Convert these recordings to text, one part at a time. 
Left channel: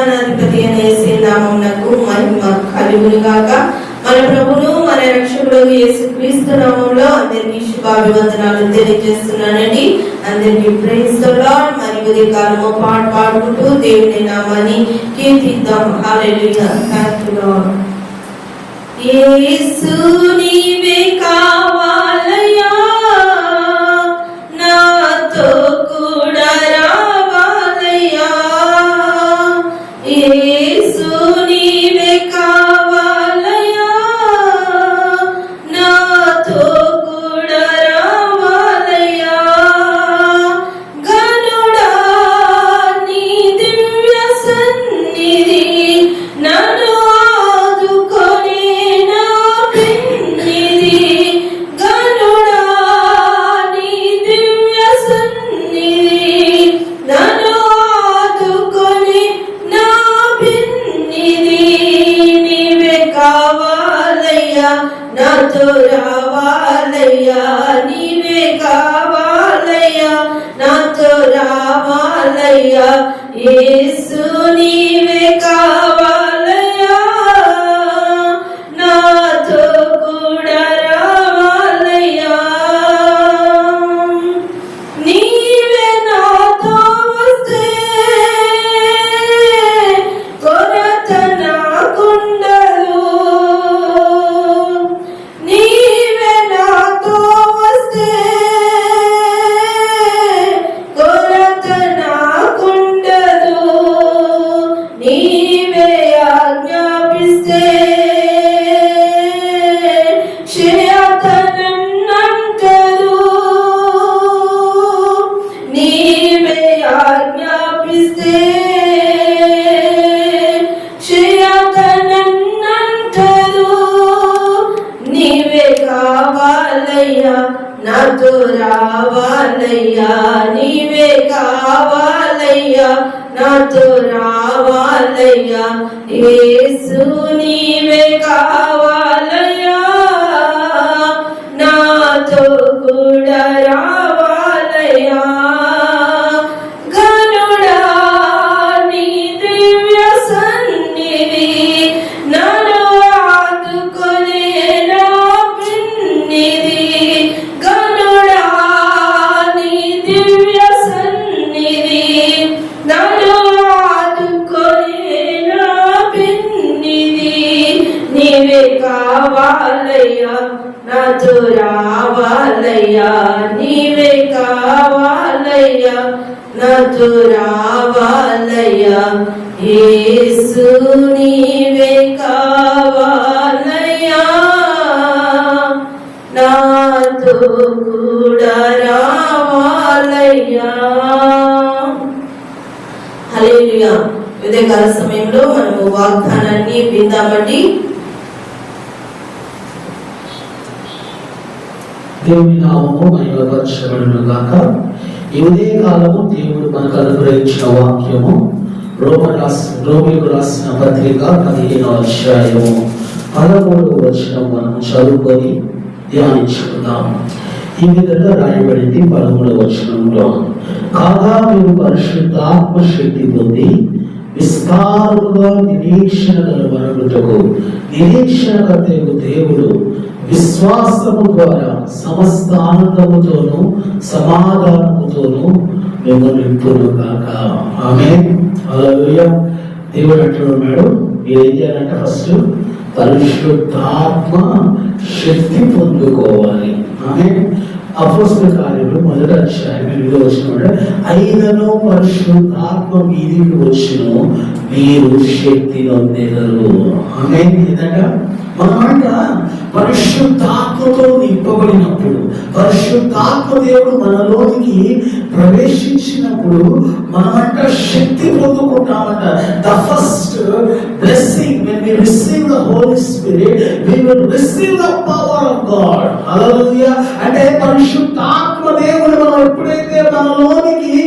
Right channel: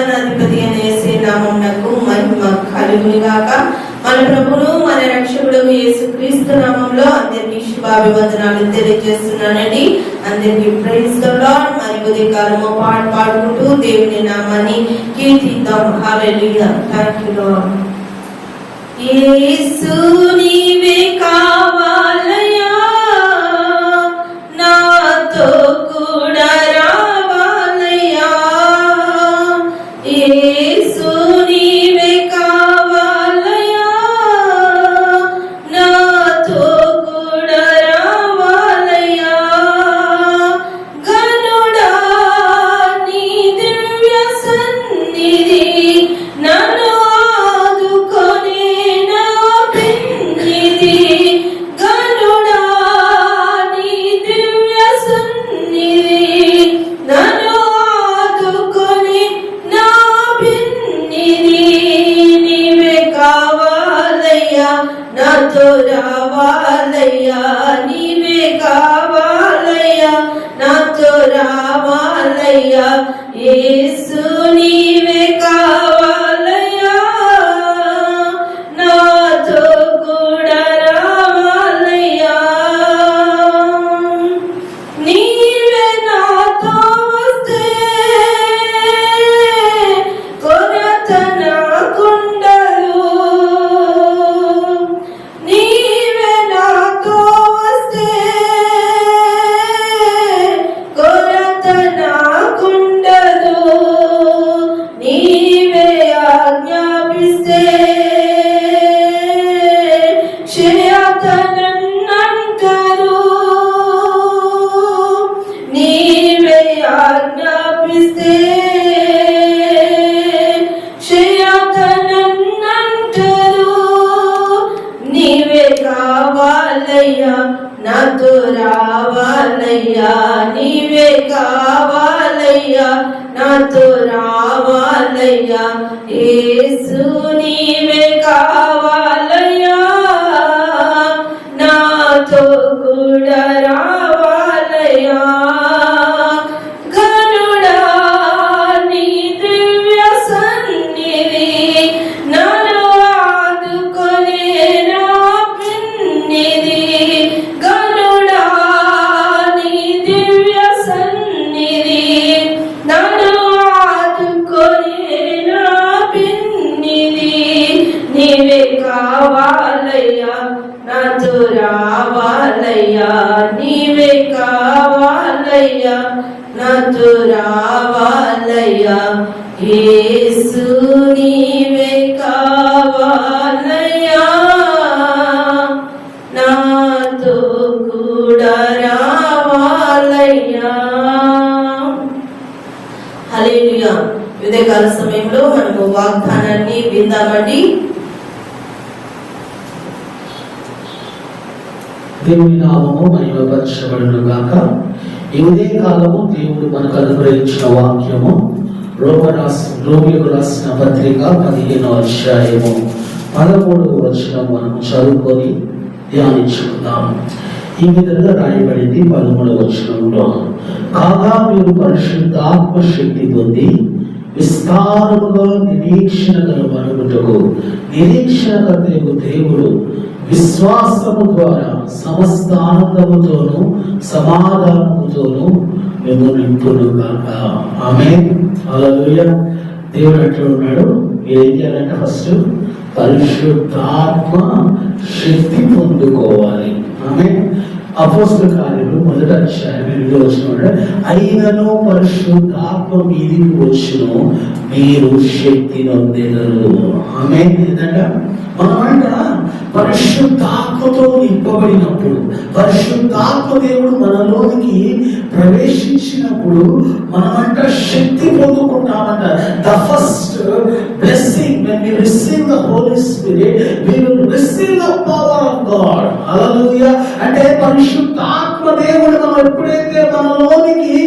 సమాధానాధిపతి అనేసే నామమునకు మహిమ కలుగును గాక మన మన రక్షకుడు యేసు క్రీస్తు నామంలో అందరికీ శుభాభివందనాలు తెలియజేస్తున్నానండి. అందరికీ ప్రైజ్ లార్డ్ మరి కొద్ది కాలము పాట పాడుకుంటూ దేవుని నామాన్ని కీర్తిద్దాం. హల్లెలూయా లార్డ్ యేసు నీవే నాతో రావాలయ్యా నీవే కావాలయ్యా. నాతో రావాలయ్యా యేసు నీవే యేసు నీవే కావాలయ్యా నాతో రావాలయ్యా యేసు నీవే కావాలయ్యా నాతో కూడా రావాలయ్యా హల్లెలూయా. ఉదయకాల సమయంలో మనము వాగ్దానాన్ని విందామండి. దేవుని నామము మహిమపరచబడును గాక ఈ కాలము దేవుడు మనకు అనుగ్రహించిన వాక్యము. రోమ రాసి రోమిలకు రాసిన పత్రిక పదిహేను అధ్యాయము. పదమూడవ వచనం మనం చదువుకొని ధ్యానించుకుందాం. ఈ విధంగా రాయబడింది పదమూడవ వచనంలో. కాగా మీరు పరిశుద్ధ శక్తి పొంది విస్తారముగా నిరీక్షణ గల నిరీక్షణ కర్తకు దేవుడు విశ్వాసము ద్వారా సమస్త ఆనందముతోను సమాధానముతోను మేము నింపును కాక ఆమె అలా దేవుడు అంటున్నాడు ఏం చేయాలంటే ఫస్ట్ పరిశుద్ధాత్మ శక్తి పొందుకోవాలి. ఆమె అపోస్తుల కార్యంలో మొదట అధ్యాయంలో వచ్చిన అయినను పరిశుద్ధాత్మ మీదికి వచ్చును మీరు శక్తి నొందెదరు. ఆమె ఏంటంటే మనమంట పరిశుద్ధాత్మతో నింపబడినప్పుడు పరిశుద్ధాత్మ దేవుడు మనలోనికి ప్రవేశించినప్పుడు మనమంట శక్తి పొందుకుంటామంట. The first blessing when we receive the holy spirit we will receive the power of God hallelujah అంటే పరిశుద్ధాత్మ దేవుడు మనం ఎప్పుడైతే మనలోనికి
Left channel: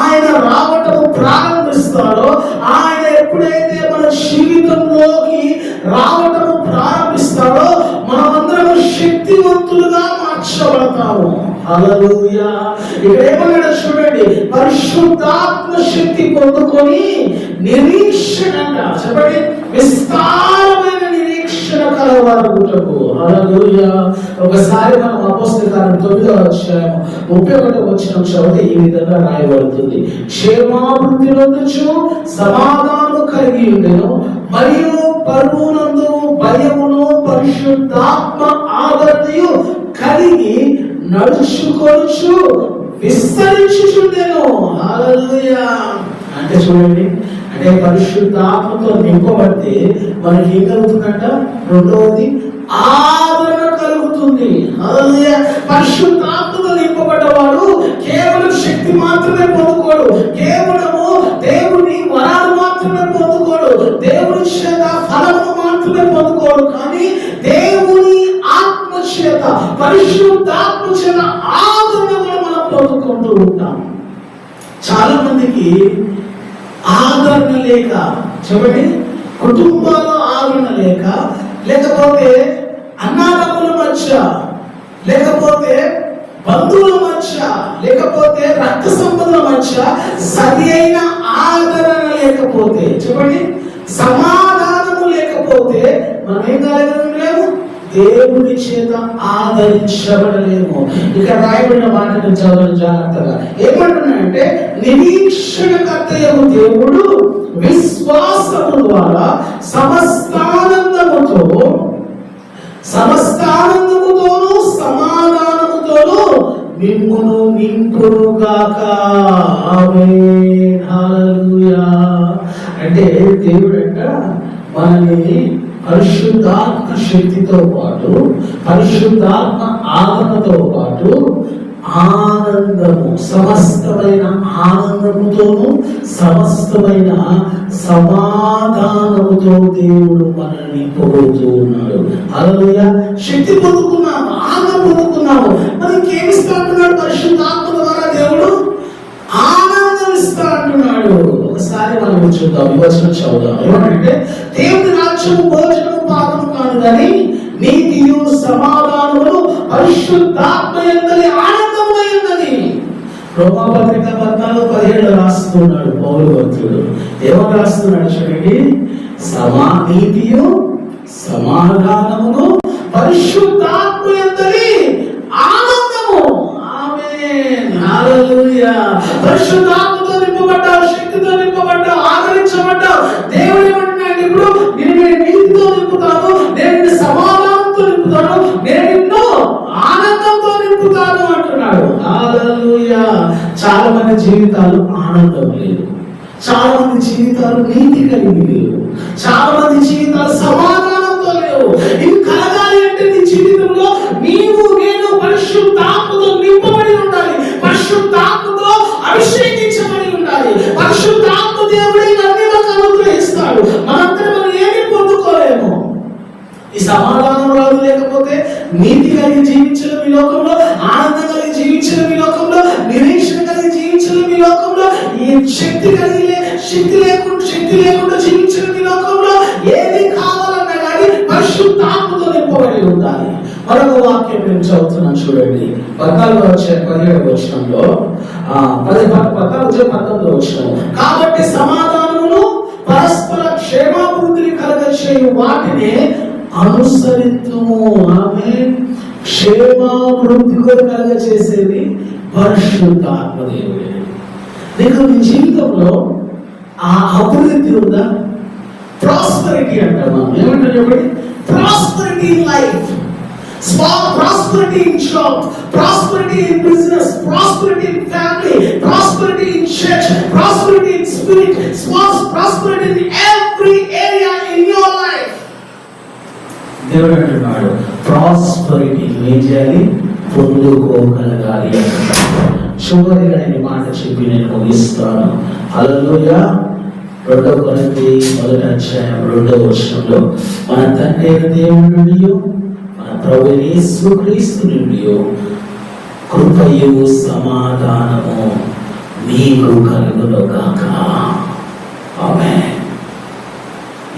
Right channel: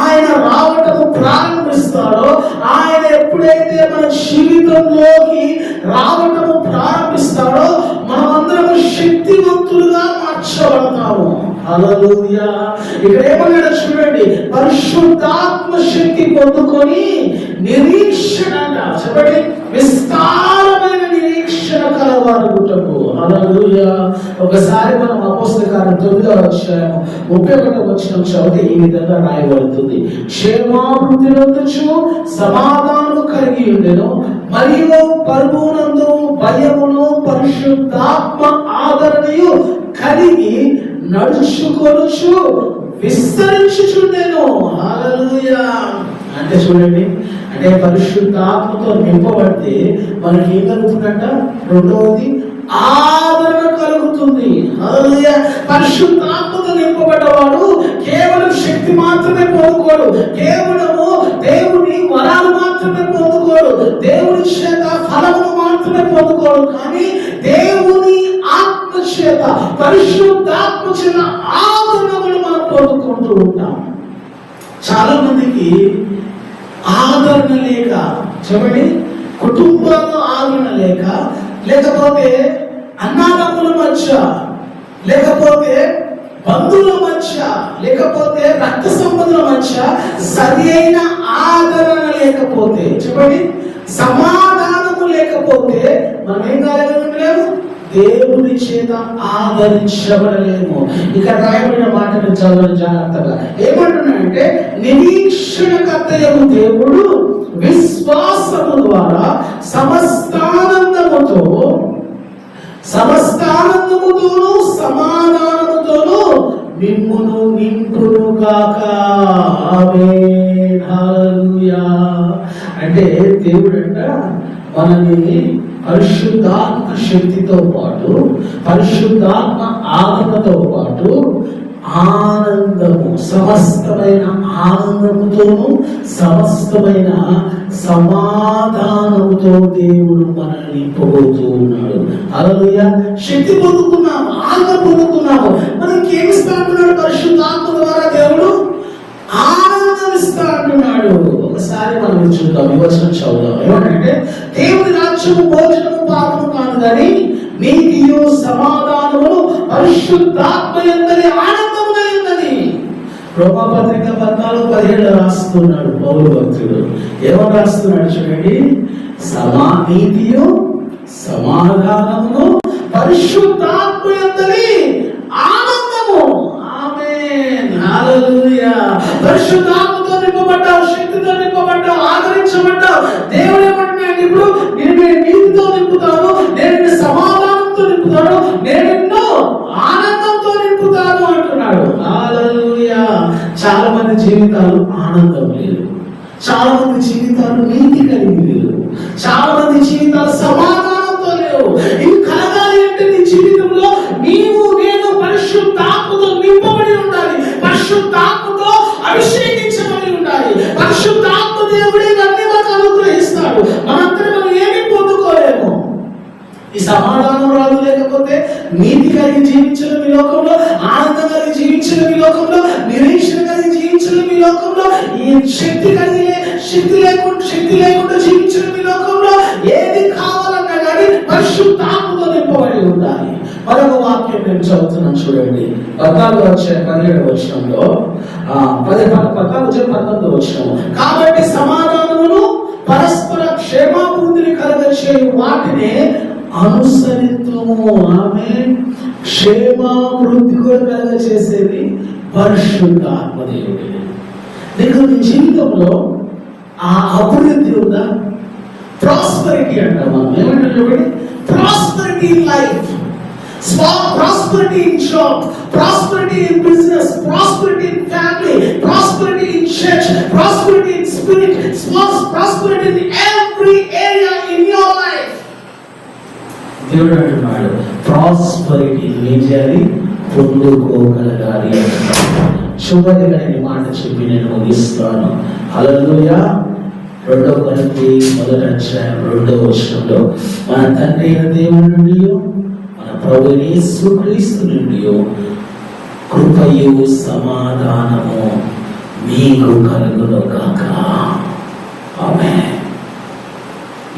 ఆయన రావటం ప్రారంభిస్తాడో ఆయన ఎప్పుడైతే మన జీవితంలోకి రావటం ప్రారంభిస్తాడో మనమందరం శక్తివంతులుగా మార్చబడతాము. హల్లెలూయా పొందుకొని నిరీక్షణ చెప్పండి విస్తారమైన నిరీక్షణ కలవారుగుటకు అలా ఒకసారి మనం అపోస్తకాలం తొమ్మిదో అధ్యాయం ముప్పై ఒకటి వచ్చిన చదివితే ఈ విధంగా రాయబడుతుంది. క్షేమాభివృద్ధి నొందొచ్చు సమాధానం కలిగి ఉండేను మరియు పరువునందు భయమును పరిశుద్ధాత్మ ఆదరణయు కలిగి నడుచుకొనుచు విస్తరించుచుండెను. హల్లెలూయా. అంటే చూడండి అంటే పరిశుద్ధాత్మతో నింపబడితే మనకి ఏం కలుగుతుందంట రెండవది ఆదరణ కలుగుతుంది. పరిశుద్ధాత్మతో నింపబడ్డవాడు కేవలం శక్తి మాత్రమే పొందుకోడు. కేవలము దేవుని వరాలు మాత్రమే పొందుకోడు. దేవుని చేత ఫలము మాత్రమే పొందుకోడు. కానీ దేవుని ఆత్మ చేత పరిశుద్ధాత్మ చేత ఆదరణ కూడా మనం పొందుకుంటూ ఉంటాం. చాలా మందికి ఆదరణ లేక చూడండి కుటుంబంలో ఆదరణ లేక లేకపోతే అన్నాదమ్ముల మధ్య లేకపోతే బంధువుల మధ్య లేకపోతే రక్త సంబంధుల మధ్య సరి అయిన ఆదరణ లేకపోతే చూడండి సమాధానము లేకపోతే మనం ఏం కాలేము దేవుడి చేత ఆదరించబడలేము. ఇక్కడ రాయబడిన మాటను చదవడం జాగ్రత్తగా. ఏమంటున్నాడంటే నిరీక్షణకర్తయగు దేవుడు విశ్వాసము ద్వారా సమస్తానందముతో సమస్తానందముతోను సమాధానముతోను మిమ్మును నింపుగాక అంటే దేవుడు అంట దేవుడంట మనని పరిశుద్ధాత్మ శక్తితో పాటు పరిశుద్ధాత్మ ఆదరణతో పాటు ఆనందము సమస్తమైన ఆనందముతోను సమస్తమైన సమాధానముతో దేవుడు మనల్ని పొగుతూ ఉన్నాడు. అలయ శక్తి పొందుకున్నాము ఆనందం పొందుకున్నాము. మనకి ఏమి ఇస్తా అంటున్నాడు పరిశుద్ధాత్మ ద్వారా దేవుడు ఆనందం ఇస్తా అంటున్నాడు ఒకసారి మనం చూద్దాం వివచనం చదువుదాం. ఏమంటే దేవుని రాజ్యము భోజనము పాపము కాదు కానీ నీతియు సమాధానము పరిశుద్ధాత్మ రోమపత్రిక పద్నాలుగు పదిహేడు రాస్తున్నాడు పౌరు భక్తుడు. ఏమో రాస్తున్నాడు చూడండి? సమా నీతియు సమాధానమును పరిశుద్ధాత్మయందరి ఆనందము. ఆమె పరిశుద్ధాత్మతో నింపబడ్డావు శక్తితో నింపబడ్డావు ఆదరించబడ్డావు. దేవుని చాలా మంది జీవితాలు ఆనందం లేదు. చాలా మంది జీవితాలు నీతి కలిగి లేవు చాలా మంది జీవితాలు సమాధానంతో లేవు. ఇది కలగాలి అంటే నీ జీవితంలో నీవు నేను పరిశుద్ధాత్మతో నింపబడి ఉండాలి. పరిశుద్ధాత్మతో అభిషేకించబడి ఉండాలి. పరిశుద్ధాత్మ దేవుడే అన్ని మనకు అనుగ్రహిస్తాడు. మనంతా మనం ఏమీ పొందుకోలేము? ఈ సమాధానం రాదు లేకపోతే నీతి కలిగి జీవించడం ఈ లోకంలో ఆనందం కలిగి జీవించడం ఈ లోకంలో జీవించిన మీ లోకంలో ఈ శక్తి కలిగి శక్తి లేకుండా శక్తి లేకుండా జీవించిన మీ లోకంలో ఏది కావాలన్నా కానీ పరిశుద్ధాత్మతో నింపబడి ఉండాలి. మరొక వాక్యం నేను చదువుతున్నాను చూడండి. పద్నాలుగు వచ్చే పదిహేడు వచ్చినంలో పది పద్నాలుగు వచ్చే పంతొమ్మిది వచ్చిన కాబట్టి సమాధానమును పరస్పర క్షేమాభివృద్ధిని కలగచ్చే వాటిని అనుసరిద్దుము ఆమె క్షేమాభివృద్ధి కూడా కలగ చేసేది పరిశుద్ధాత్మ దేవుడే నేను నీ జీవితంలో ఆ అభివృద్ధి ఉందా ప్రాస్పరిటీ అంటామా ఏమంటారు చెప్పండి prosperity in life prosperity in job prosperity in business prosperity in family prosperity in church prosperity in spirit small prosperity in every area in your life దేవుడు అంటున్నాడు ప్రాస్పరిటీ ఏం చేయాలి పొందుకోగలగాలి అంటున్నాడు చివరిగా ఈ మాట చెప్పి నేను ముగిస్తాను. అలలోయ రెండవ కొరింథీ మొదటి అధ్యాయం రెండవ వచనంలో మన తండ్రి అయిన దేవుడి నుండి మన ప్రభు యేసు నుండి కృపయు సమాధానము మీకు కలుగును కాక ఆమె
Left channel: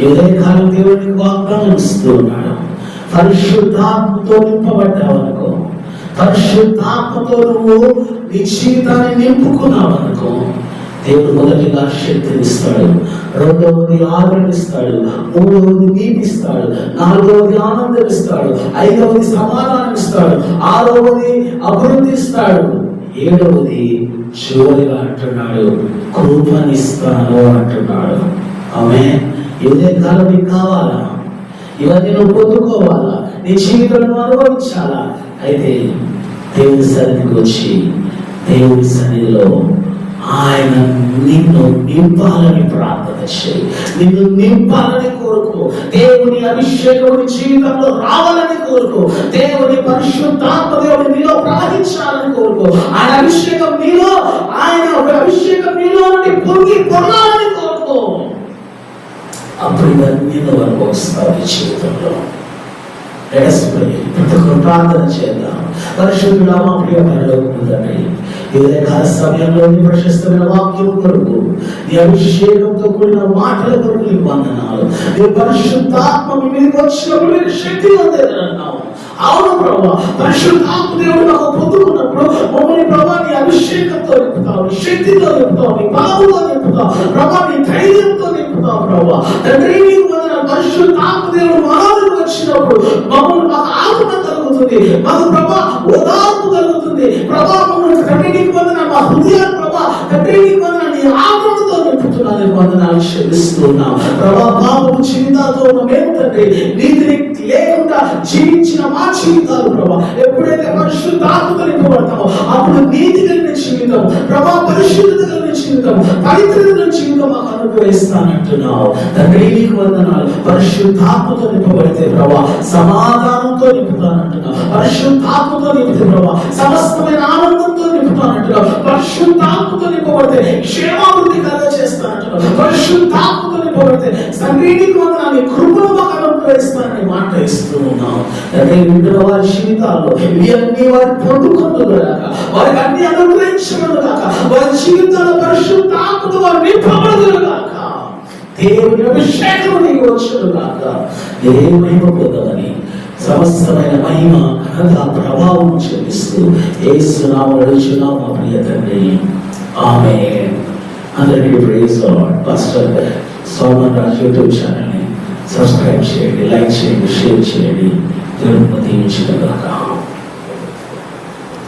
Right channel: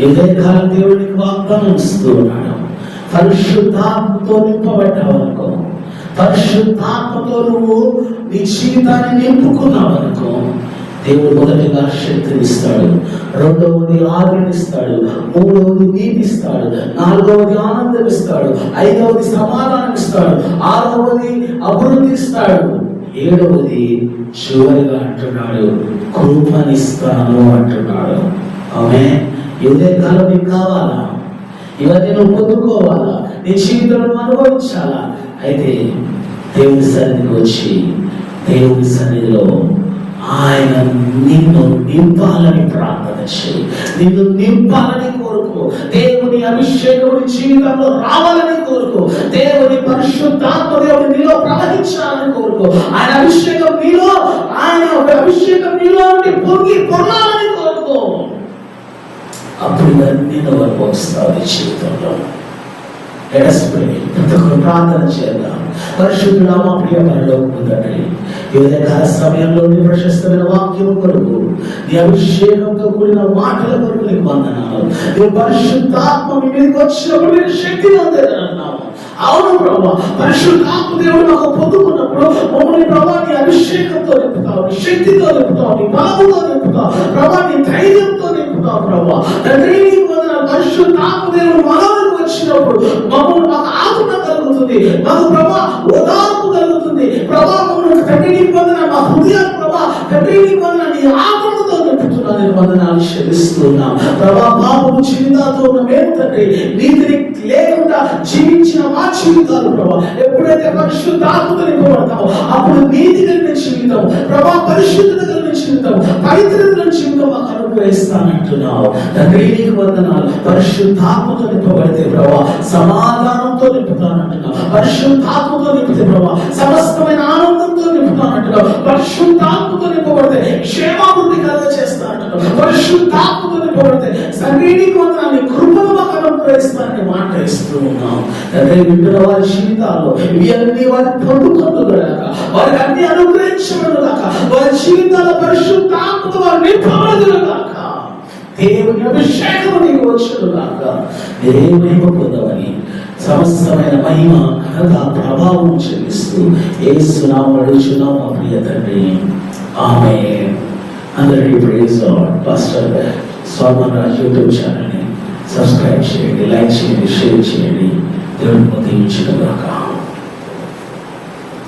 ఈ ఉదయకాలం దేవుడికి వాగ్దానం ఇస్తూ ఉన్నాడు. పరిశుద్ధాత్మతో నింపబడి పరిశుద్ధాత్మతో నువ్వు నీ జీవితాన్ని నింపుకున్నావు అనుకో దేవుడు మొదటిగా శక్తినిస్తాడు రెండవది ఆదరణిస్తాడు మూడవది నీతిస్తాడు నాలుగవది ఆనందం ఇస్తాడు ఐదవది సమాధానం ఇస్తాడు ఆరవది అభివృద్ధి ఇస్తాడు ఏడవది చివరిగా అంటున్నాడు కృపనిస్తాను అంటున్నాడు. ఆమె ఇదే కాలం నీకు కావాలా? ఇవన్నీ నువ్వు పొందుకోవాలా? నీ జీవితంలో అనుభవించాలా? అయితే దేవుని సన్నిధికి వచ్చి దేవుని సన్నిధిలో ఆయన నిన్ను నింపాలని ప్రార్థన చేయి. నిన్ను నింపాలని కోరుకో. దేవుని అభిషేకం జీవితంలో రావాలని కోరుకో. దేవుని పరిశుద్ధాత్మ దేవుడు నీలో ప్రవహించాలని కోరుకో. ఆయన అభిషేకం నీలో ఆయన ఒక అభిషేకం నీలో పొంగి పొందాలని కోరుకో. అప్పుడు ఇవన్నీ వరకు వస్తారు ఈ జీవితంలో. Let us pray. ప్రతి ఒక్కరు ప్రార్థన చేద్దాం పరిశుద్ధుడా మా ప్రియ పరలోకము తండ్రి ఏదైనా కాల సమయంలో నీ ప్రశస్తమైన వాక్యం కొరకు నీ అభిషేకంతో కూడిన మాటల కొరకు నీకు వందనాలు నీ పరిశుద్ధాత్మ మీ మీదకి వచ్చినప్పుడు మీరు శక్తి పొందేదన్నావు అవును ప్రభా పరిశుద్ధాత్మ దేవుడు నాకు పొందుకున్నప్పుడు మమ్మల్ని ప్రభా నీ అభిషేకంతో నింపుతావు నీ శక్తితో నింపుతావు నీ బలముతో నింపుతావు ప్రభా నీ ధైర్యంతో నింపుతావు ప్రభా తండ్రి నీకు వందనాలు పరిశుద్ధాత్మ దేవుడు మనలోకి వచ్చినప్పుడు మమ్మల్ని మాకు ఆత్మ కలుగుతుంది. మాకు ప్రభా ఉదాత్మ కలుగుతుంది. ప్రభా మమ్మల్ని తండ్రి పొందిన మా హృదయాలు ప్రభా తండ్రి పొందిన నీ ఆత్మతో నింపుతున్నాను నేను ఆవిష్కరిస్తున్నాం ప్రభా మాకు జీవితాలతో ఉన్న మేము తండ్రి నీతిని లేకుండా జీవించిన మా జీవితాలు ప్రభా ఎప్పుడైతే పరిశుద్ధాత్మతో నింపబడతామో అప్పుడు నీతి కలిగిన జీవితం ప్రభా పరిశుద్ధత కలిగిన జీవితం పవిత్రత జీవితం మాకు అనుగ్రహిస్తానంటున్నావు తండ్రి నీకు వందనాలు. పరిశుద్ధాత్మతో నింపబడితే ప్రభా సమాధానంతో నింపుతానంటున్నావు పరిశుద్ధాత్మతో నింపితే ప్రభా సమస్తమైన ఆనందంతో నింపుతానంటున్నావు పరిశుద్ధాత్మతో నింపబడితే క్షేమాభివృద్ధి కలగ చేస్తానంటున్నావు పరిశుద్ధాత్మతో నింపబడితే సన్నిధికి వందనాన్ని కృపను మాకు అనుగ్రహిస్తానని మాట ఇస్తూ ఉన్నాం తండ్రి వింటున్న వారి జీవితాల్లో ఇవన్నీ వారి పొందుకొందుగాక వారికి అన్ని అనుగ్రహించబడుగాక వారి జీవితాల్లో పరిశుద్ధాత్మతో వారు నింపబడుగాక దేవుని అభిషేకం నీకు వచ్చుగాక దేవుని మహిమ పొందమని సమస్తమైన మహిమ ఘనత ప్రభావం చెల్లిస్తూ ఏసు నామములో అడుగుచున్నాం మా ప్రియ తండ్రి. ఆమె అందరికీ praise first Soman Raj YouTube ఛానల్ని సబ్స్క్రైబ్ చేయండి లైక్ చేయండి షేర్ చేయండి. దేవుడు దీవించిన